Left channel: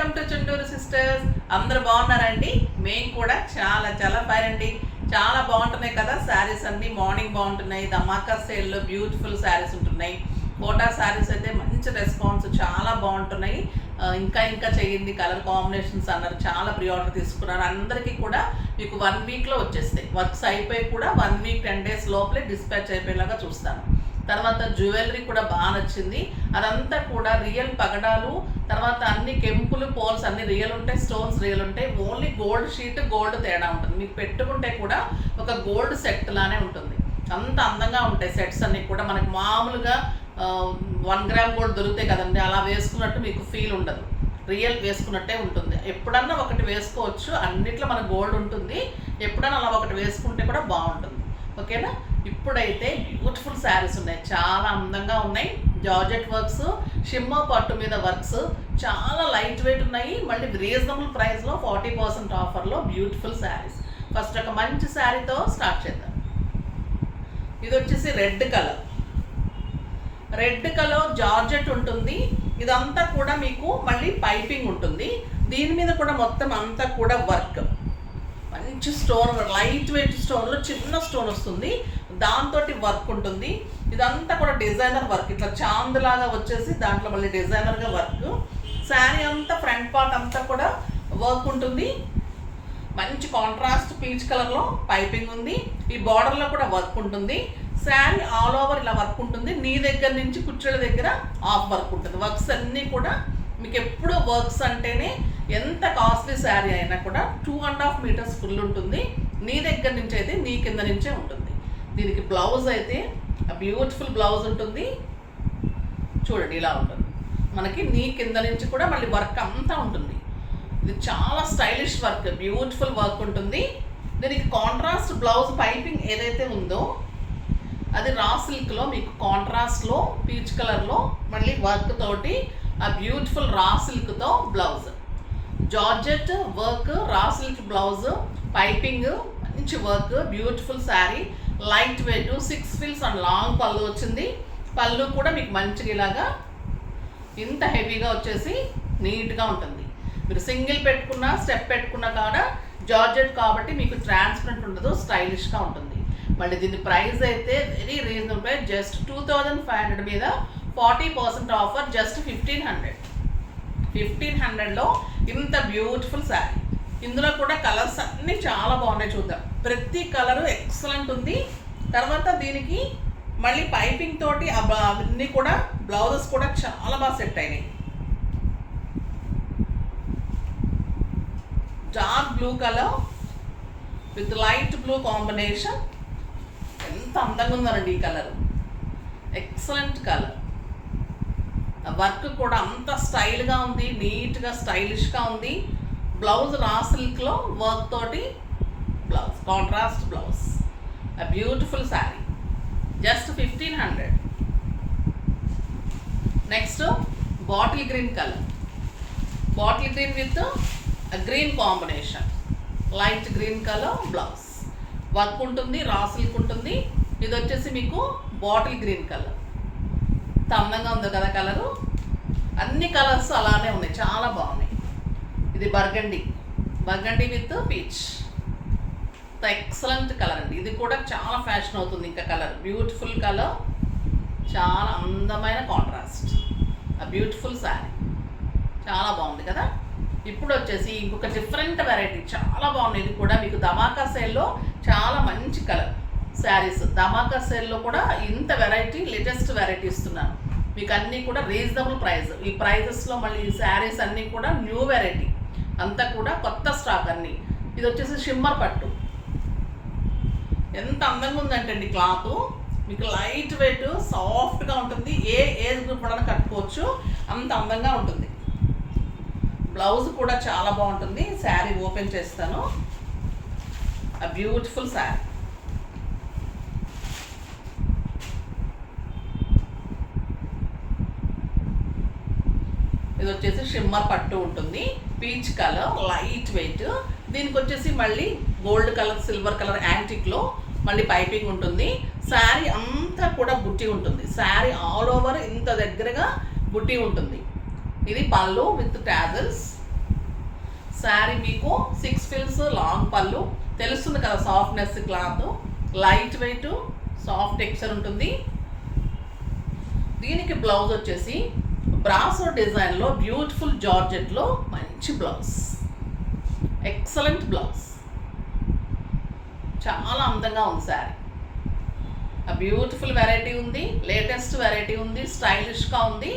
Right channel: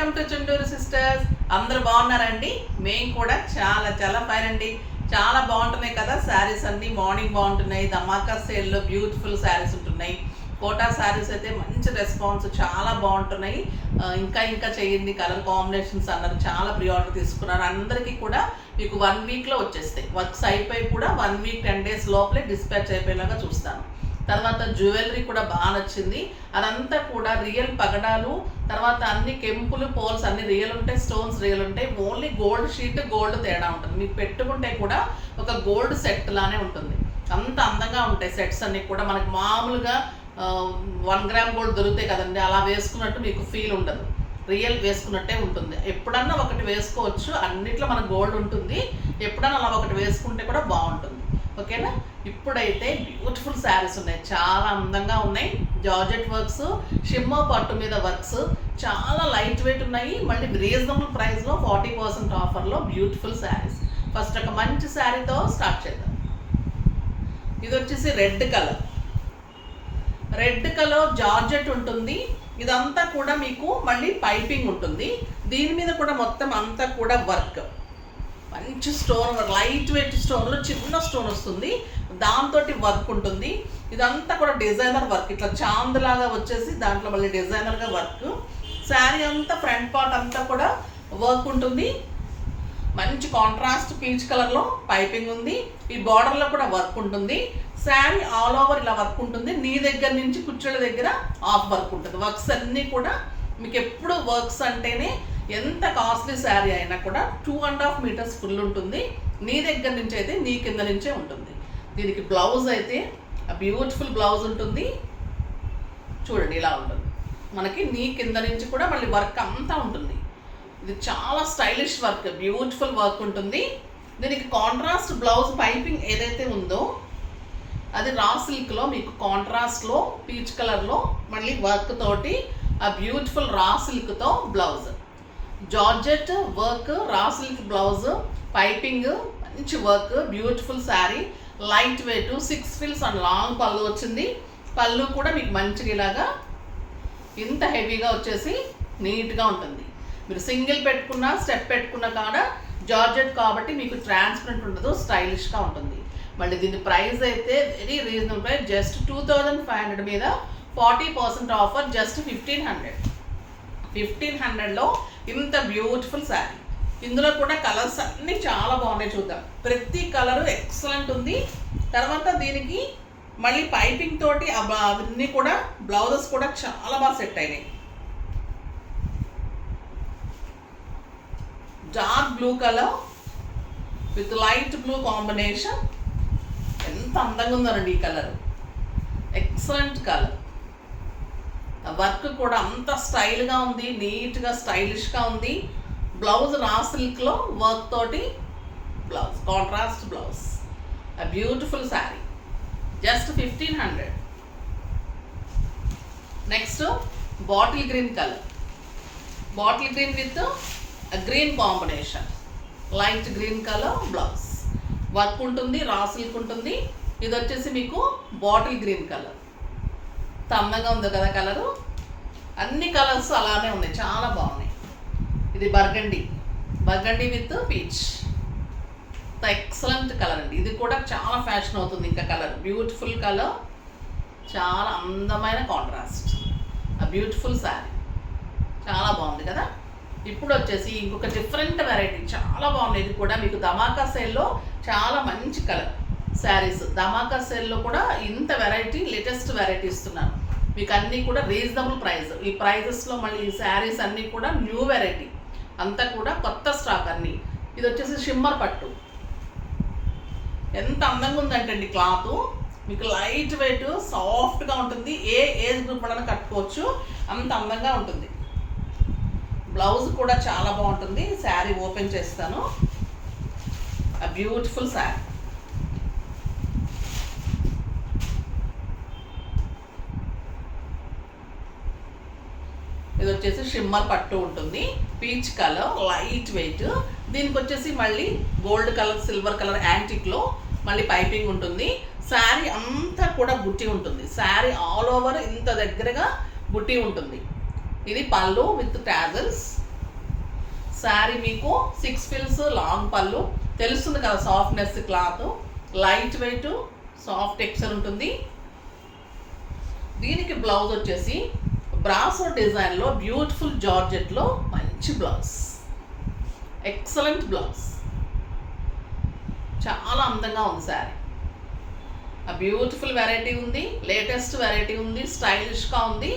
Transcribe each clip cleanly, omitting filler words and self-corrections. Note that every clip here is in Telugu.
Welcome to Chunduru sisters. అందరూ బాగున్నారండి? మేము కూడా చాలా ఫైన్ అండి. చాలా బాగుంటున్నాయి కదా శారీస్ అన్ని. మార్నింగ్ బాగుంటున్నాయి, ధమాకా సేల్లో బ్యూటిఫుల్ శారీస్ ఉంటున్నాయి. కోటా శారీస్ అయితే మంచి రెస్పాన్స్, చాలా బాగుంటున్నాయి. ఇంకా చేయండి, కలర్ కాంబినేషన్స్ అన్నారు, చాలా ప్రీ ఆర్డర్ తీసుకున్నారు. అందరికీ కూడా మీకు 1 వీక్లో వచ్చేస్తాయి. వర్క్స్ అయిపోయి కూడా 1 వీక్ 10 డేస్ లోపలే డిస్పాచ్ అయిపోయేలాగా చూస్తాను. తర్వాత జ్యువెలరీ కూడా బాగా నచ్చింది. అదంతా కూడా రియల్ పగడాలు, తర్వాత అన్ని కెంపులు పోల్స్ అన్ని రియల్ ఉంటాయి, స్టోన్స్ రియల్ ఉంటాయి. ఓన్లీ గోల్డ్ షీట్ గోల్డ్ తేడా ఉంటుంది. మీకు పెట్టుకుంటే కూడా ఒక గోల్డ్ సెట్ లానే ఉంటుంది. అంత అందంగా ఉంటాయి సెట్స్ అన్ని కూడా. మనకి మామూలుగా 1 గ్రామ్ గోల్డ్ దొరుకుతాయి కదండి, అలా వేసుకున్నట్టు మీకు ఫీల్ ఉండదు. రియల్ వేసుకున్నట్టే ఉంటుంది. ఎప్పుడన్నా ఒకటి వేసుకోవచ్చు, అన్నిట్లో మన గోల్డ్ ఉంటుంది. ఎప్పుడన్నా అలా ఒకటి వేసుకుంటే కూడా బాగుంటుంది. ఓకేనా? ఇప్పుడైతే బ్యూటిఫుల్ శారీస్ ఉన్నాయి, చాలా అందంగా ఉన్నాయి. జార్జెట్ వర్క్స్, షిమ్మో పట్టు మీద వర్క్స్, చాలా లైట్ వెయిట్ ఉన్నాయి. మళ్ళీ రీజనబుల్ ప్రైస్లో 40% ఆఫర్లో బ్యూటిఫుల్ శారీస్. ఫస్ట్ ఒక మంచి శారీతో స్టార్ట్ చేద్దాం. ఇది వచ్చేసి రెడ్ కలర్ జార్జెట్ ఉంటుంది. ఇదంతా కూడా మీకు మళ్ళీ పైపింగ్ ఉంటుంది. దీని మీద కూడా మొత్తం అంతా కూడా వర్క్, మంచి స్టోన్, లైట్ వెయిట్ స్టోన్లో చిన్న స్టోన్ వస్తుంది, దాంతో వర్క్ ఉంటుంది. ఇదంతా కూడా డిజైనర్ వర్క్, ఇట్లా చాంద్లాగా వచ్చేసి దాంట్లో మళ్ళీ డిజైనర్గా వర్క్. శారీ అంతా ఫ్రంట్ పార్ట్ అంతా కూడా వర్క్ ఉంటుంది. మంచి కాంట్రాస్ట్ పీచ్ కలర్లో పైపింగ్ ఉంది. ఈ బార్డర్లో కూడా వర్క్ ఉంటుంది. శారీ ఆల్ ఓవర్ ఇలా వర్క్ ఉంటుంది. నీ దగ్గర నుంచి కుచ్చెళ్ళ దగ్గర ఆఫ్ వర్క్ ఉంటుంది. వర్క్స్ అన్నీ కూడా మీకు ఎప్పుడు వర్క్స్ అంటేనే ఎంత కాస్ట్లీ శారీ అయినా కూడా 2.5 మీటర్స్ ఫుల్ ఉంటుంది. నీ దగ్గర నుంచి అయితే నీ కింద నుంచే ఉంటుంది. దీనికి బ్లౌజ్ అయితే బ్యూటిఫుల్ బ్లౌజ్ ఉంటుంది. చూడండి, ఇలా ఉంటుంది. మనకి నీ కింద నుంచి కూడా మళ్ళీ వర్క్ అంతా ఉంటుంది. ఇది చాలా స్టైలిష్ వర్క్, బ్యూటిఫుల్ వర్క్ ఉంటుంది. దీనికి కాంట్రాస్ట్ బ్లౌజ్ పైపింగ్ ఏదైతే ఉందో అది రా సిల్క్లో మీకు కాంట్రాస్ట్లో పీచ్ కలర్లో మళ్ళీ వర్క్ తోటి ఆ బ్యూటిఫుల్ రా సిల్క్తో blouse. Georgette work, raw silk blouse, piping, మంచి work, beautiful sari, light weight, 6 fills and long పళ్ళు వచ్చింది. పళ్ళు కూడా మీకు మంచిగా ఇలాగా ఇంత హెవీగా వచ్చేసి నీట్గా ఉంటుంది. మీరు సింగిల్ పెట్టుకున్నా స్టెప్ పెట్టుకున్నా కూడా జార్జెట్ కాబట్టి మీకు ట్రాన్స్పరెంట్ ఉండదు, స్టైలిష్గా ఉంటుంది. మళ్ళీ దీని ప్రైస్ అయితే వెరీ రీజనబుల్ ప్రైస్, జస్ట్ 2500 మీద 40% ఆఫర్, జస్ట్ 1500లో ఇంత బ్యూటిఫుల్ శారీ. ఇందులో కూడా కలర్స్ అన్నీ చాలా బాగున్నాయి, చూద్దాం. ప్రతి కలరు ఎక్సలెంట్ ఉంది. తర్వాత దీనికి మళ్ళీ పైపింగ్ తోటి అవన్నీ కూడా బ్లౌజెస్ కూడా చాలా బాగా సెట్ అయినాయి. Dark blue colour with light blue combination. ఎంత అందంగా ఉందండి ఈ కలర్, ఎక్సలెంట్ కలర్. వర్క్ కూడా అంత స్టైల్గా ఉంది, నీట్గా స్టైలిష్గా ఉంది. బ్లౌజ్ రా సిల్క్లో వర్క్ తోటి blouse, contrast blouse. Beautiful sari, just 1500. Next bottle green colour, bottle green with green combination, light green colour blouse. Work ఉంటుంది, రా సిల్క్ ఉంటుంది. ఇది వచ్చేసి మీకు బాటిల్ గ్రీన్ కలర్. అందంగా ఉంది కదా కలరు. అన్ని కలర్స్ అలానే ఉన్నాయి, చాలా బాగున్నాయి. ఇది burgundy with peach, excellent colour అండి. ఇది కూడా చాలా ఫ్యాషన్ అవుతుంది. ఇంకా కలర్ బ్యూటిఫుల్ కలర్, చాలా అందమైన కాంట్రాస్ట్. ఆ బ్యూటిఫుల్ శారీ చాలా బాగుంది కదా. ఇప్పుడు వచ్చేసి ఇంకొక డిఫరెంట్ వెరైటీ, చాలా బాగుంది. ఇది కూడా మీకు ధమాకా సేల్లో చాలా మంచి కలర్ శారీస్. ధమాకా సేల్లో కూడా ఇంత వెరైటీ, లేటెస్ట్ వెరైటీ ఇస్తున్నాను మీకు. అన్నీ కూడా రీజనబుల్ ప్రైస్. ఈ ప్రైజెస్లో మళ్ళీ ఈ శారీస్ అన్నీ కూడా న్యూ వెరైటీ, అంతా కూడా కొత్త స్టాక్ అన్నీ. ఇది వచ్చేసి షిమ్మర్ పట్టు. ఎంత అందంగా ఉందంటే అండి క్లాత్, మీకు లైట్ వెయిట్, సాఫ్ట్గా ఉంటుంది. ఏ ఏజ్ గ్రూప్ వల్ల కట్టుకోవచ్చు, అంత అందంగా ఉంటుంది. బ్లౌజ్ కూడా చాలా బాగుంటుంది. శారీ ఓపెన్ చేస్తాను. ఆ బ్యూటిఫుల్ శారీ. ఇది వచ్చేసి షిమ్మర్ పట్టు ఉంటుంది, పీచ్ కలర్, లైట్ వెయిట్. దీనికి వచ్చేసి మళ్ళీ గోల్డ్ కలర్, సిల్వర్ కలర్ యాంటిక్లో మళ్ళీ పైపింగ్ ఉంటుంది. శారీ అంతా కూడా బుట్టి ఉంటుంది. శారీ ఆల్ ఓవర్ ఇంత దగ్గరగా బుట్టి ఉంటుంది. ఇది పళ్ళు విత్ టాజల్స్. శారీ మీకు 6 ఫిల్స్ లాంగ్ పళ్ళు, తెలుస్తుంది కదా softness cloth, light weight soft texture ఉంటుంది. దీనికి బ్లౌజ్ వచ్చేసి బ్రాసో డిజైన్లో బ్యూటిఫుల్ జార్జెట్లో మంచి బ్లౌజ్, ఎక్సలెంట్ బ్లౌజ్, చాలా అందంగా ఉంది శారీ. బ్యూటిఫుల్ వెరైటీ ఉంది, లేటెస్ట్ వెరైటీ ఉంది, స్టైలిష్గా ఉంది.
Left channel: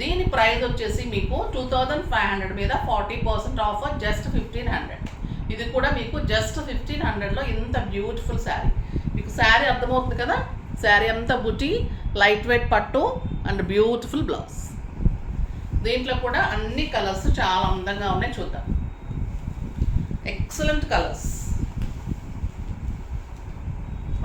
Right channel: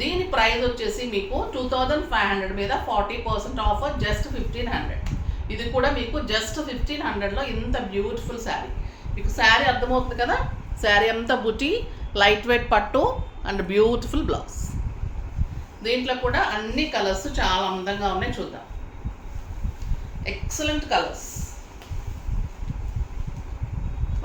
దీని ప్రైస్ వచ్చేసి మీకు 2500 మీద 40% ఆఫర్, జస్ట్ 1500. ఇది కూడా మీకు జస్ట్ 1500లో ఇంత బ్యూటిఫుల్ శారీ. మీకు శారీ అర్థమవుతుంది కదా, శారీ అంతా బుటీ, లైట్ వెయిట్ పట్టు అండ్ బ్యూటిఫుల్ బ్లౌజ్. దీంట్లో కూడా అన్ని కలర్స్ చాలా అందంగా ఉన్నాయి, చూద్దాం. ఎక్సలెంట్ కలర్స్,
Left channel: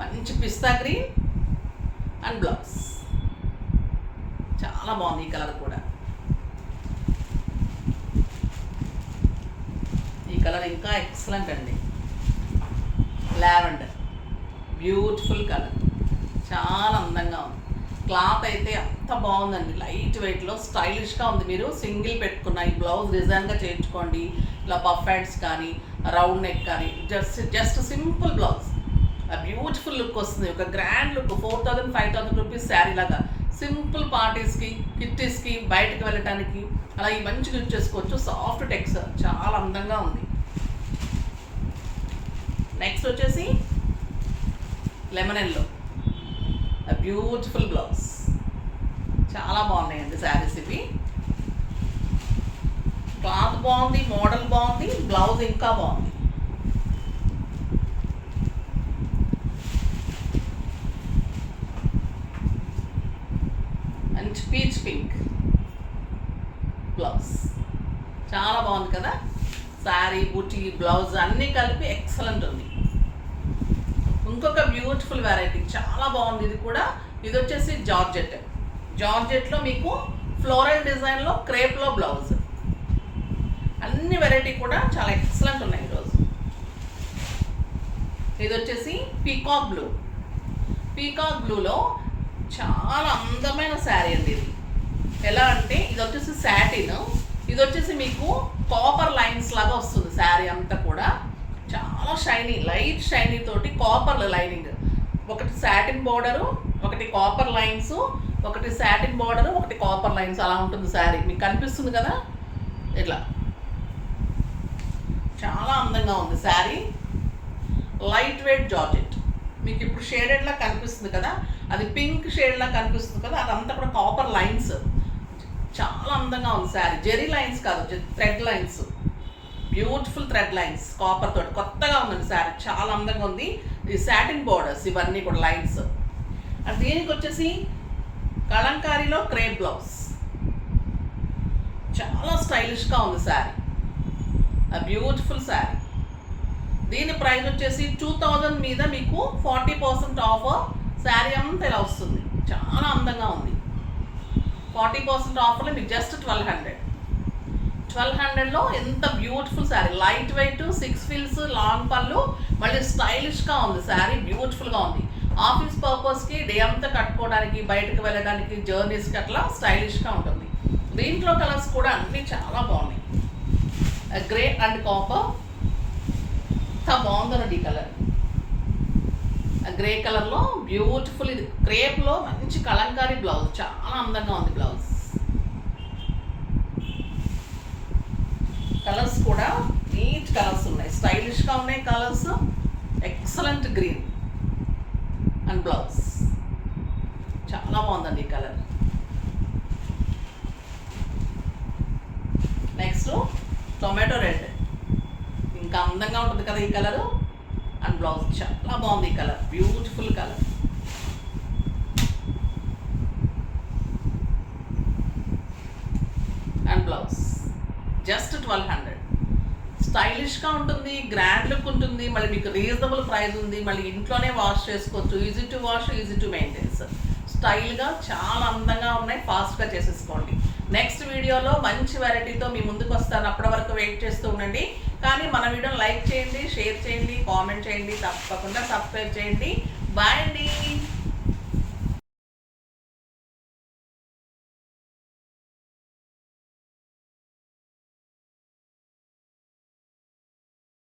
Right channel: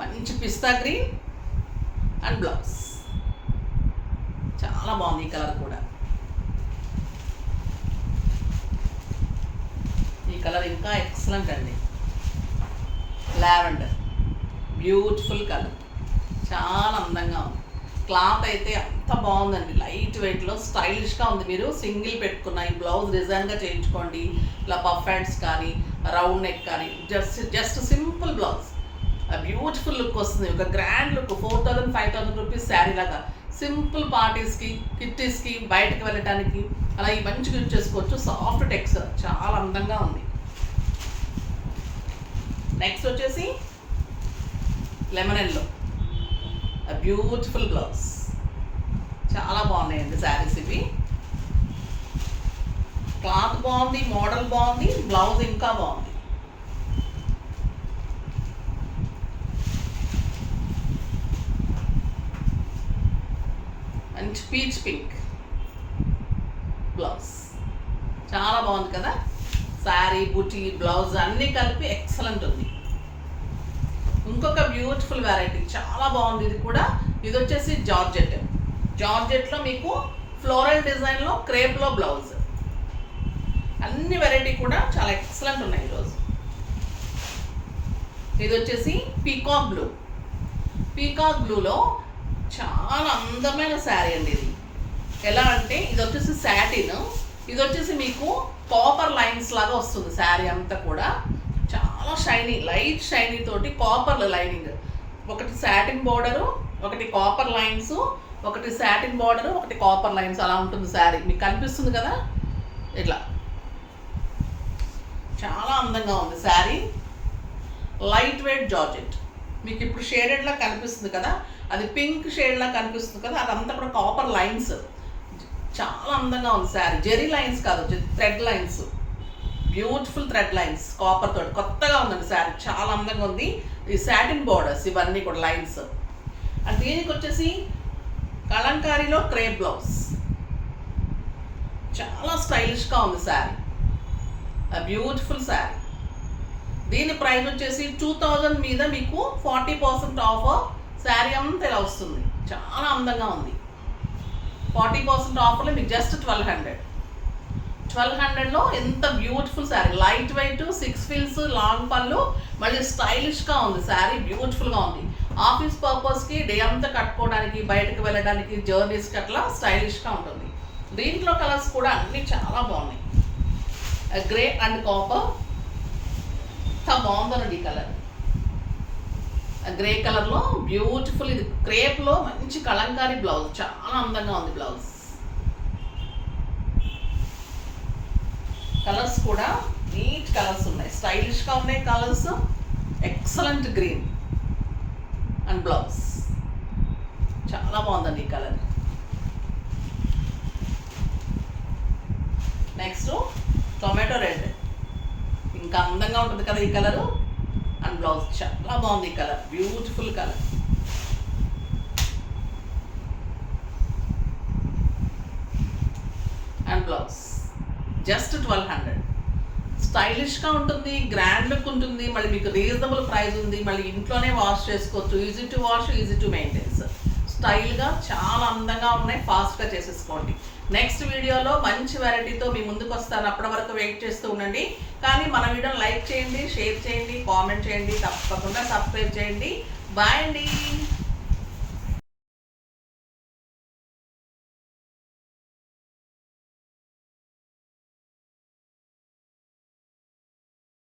మంచి పిస్తా గ్రీన్ అండ్ బ్లౌజ్, చాలా బాగుంది ఈ కలర్ కూడా. ఈ కలర్ ఇంకా ఎక్సలెంట్ అండి, లావెండర్, బ్యూటిఫుల్ కలర్, చాలా అందంగా ఉంది. క్లాత్ అయితే అంత బాగుందండి, లైట్ వెయిట్లో స్టైలిష్గా ఉంది. మీరు సింగిల్ పెట్టుకున్న ఈ బ్లౌజ్ డిజైన్గా చేయించుకోండి, ఇలా పఫ్ హ్యాండ్స్ కానీ రౌండ్ నెక్ కానీ, just simple blouse, beautiful look వస్తుంది, ఒక గ్రాండ్ లుక్. 4000-5000 రూపీస్ శారీ లాగా సింపుల్ పార్టీస్కి, కిట్టీస్కి, బయటకు వెళ్ళటానికి అలా ఈ మంచిగా యూజ్ చేసుకోవచ్చు. సాఫ్ట్ టెక్స్చర్, చాలా అందంగా ఉంది. నెక్స్ట్ వచ్చేసి లెమన్ ఎల్లో, బ్యూటిఫుల్ బ్లౌజ్, చాలా బాగున్నాయండి శారీస్ ఇవి. క్లాత్ బాగుంది, మోడల్ బాగుంది, బ్లౌజ్ ఇంకా బాగుంది. మంచి పీచ్ పింక్ బ్లౌజ్, చాలా బాగుంది కదా. శారీ, బుటీ, బ్లౌజ్ అన్నీ కలిపి ఎక్సలెంట్ ఉంది. ఇంకొక బ్యూటిఫుల్ వెరైటీ, చాలా బాగుంది ఇది కూడా. ఇది వచ్చేసి జార్జెట్లో మీకు ఫ్లోరల్ డిజైన్లో క్రేప్లో బ్లౌజ్. అన్ని వెరైటీ కూడా చాలా ఎక్సలెంట్ ఉన్నాయి ఈరోజు. ఇది వచ్చేసి పీకాక్ బ్లూలో చాలా అందమైన శారీ అండి ఇది. ఎలా అంటే ఇది వచ్చేసి శాటిన్, ఇది వచ్చేసి మీకు కాపర్ లైన్స్ లాగా వస్తుంది శారీ అంతా కూడా. చాలా షైనీ, లైట్ షైనీ తోటి కాపర్ లైనింగ్, ఒకటి శాటిన్ బోర్డరు, ఒకటి కాపర్ లైన్స్, ఒకటి శాటిన్ బోర్డరు, ఒకటి కాపర్ లైన్స్, అలా ఉంటుంది శారీ. మీకు కనిపిస్తుంది కదా ఇట్లా, చాలా అందంగా ఉంది శారీ. లైట్ వెయిట్ జార్జెట్, మీకు ఇప్పుడు షేడెడ్లా కనిపిస్తుంది కదా, అది పింక్ షేడ్లా కనిపిస్తుంది కదా, అదంతా కూడా కాపర్ లైన్స్, చాలా అందంగా ఉంది శారీ. జెరీ లైన్స్ కాదు, thread lines, beautiful thread lines copper తోటి, కొత్తగా ఉందండి శారీ, చాలా అందంగా ఉంది. ఈ శాటిన్ బోర్డర్స్ ఇవన్నీ కూడా లైన్స్. అండ్ దీనికి వచ్చేసి కలంకారీలో క్రేప్ బ్లౌజ్, చాలా స్టైలిష్గా ఉంది శారీ, బ్యూటిఫుల్ శారీ. దీని ప్రైస్ వచ్చేసి 2000 మీద మీకు 40% ఆఫర్, శారీ అంతా ఇలా వస్తుంది, చాలా అందంగా ఉంది. 40% ఆఫర్లో మీకు జస్ట్ 1200లో ఎంత బ్యూటిఫుల్ శారీ, లైట్ వెయిట్, 6 ఫిల్స్, లాంగ్ పళ్ళు, మళ్ళీ స్టైలిష్గా ఉంది శారీ, బ్యూటిఫుల్గా ఉంది. ఆఫీస్ పర్పస్కి, డే అంతా కట్టుకోవడానికి, బయటకు వెళ్ళడానికి, జర్నీస్కి అట్లా స్టైలిష్గా ఉంటుంది. దీంట్లో కలర్స్ కూడా అన్నీ చాలా బాగున్నాయి. గ్రే అండ్ కాపర్, ఎంత బాగుందనండి ఈ కలర్. గ్రే కలర్లో బ్యూటిఫుల్, ఇది క్రేప్లో మంచి కలంకారీ బ్లౌజ్, చాలా అందంగా ఉంది బ్లౌజ్. కలర్స్ కూడా నీట్ కలర్స్ ఉన్నాయి, స్టైలిష్గా ఉన్నాయి colours. Excellent green and blouse, చాలా బాగుందండి ఈ కలర్. నెక్స్ట్ టొమాటో రెడ్, ఇంకా అందంగా ఉంటుంది కదా ఈ కలరు. అండ్ బ్లౌజ్ చాలా బాగుంది ఈ colour, beautiful colour. And blouse just 1200. స్టైలిష్గా ఉంటుంది, గ్రాండ్ లుక్ ఉంటుంది, మళ్ళీ మీకు రీజనబుల్ ప్రైస్ ఉంది, మళ్ళీ ఇంట్లోనే వాష్ చేసుకోవచ్చు, easy to wash, easy to maintenance, స్టైల్గా చాలా అందంగా ఉన్నాయి. ఫాస్ట్గా చేసేసుకోండి. నెక్స్ట్ వీడియోలో మంచి వెరైటీతో మీ ముందుకు వస్తాను, అప్పటి వరకు వెయిట్ చేస్తూ ఉండండి. కానీ మన వీడియోని లైక్ చేయండి, షేర్ చేయండి, కామెంట్ చేయండి, తప్పకుండా సబ్స్క్రైబ్ చేయండి. బాయ్ అండి.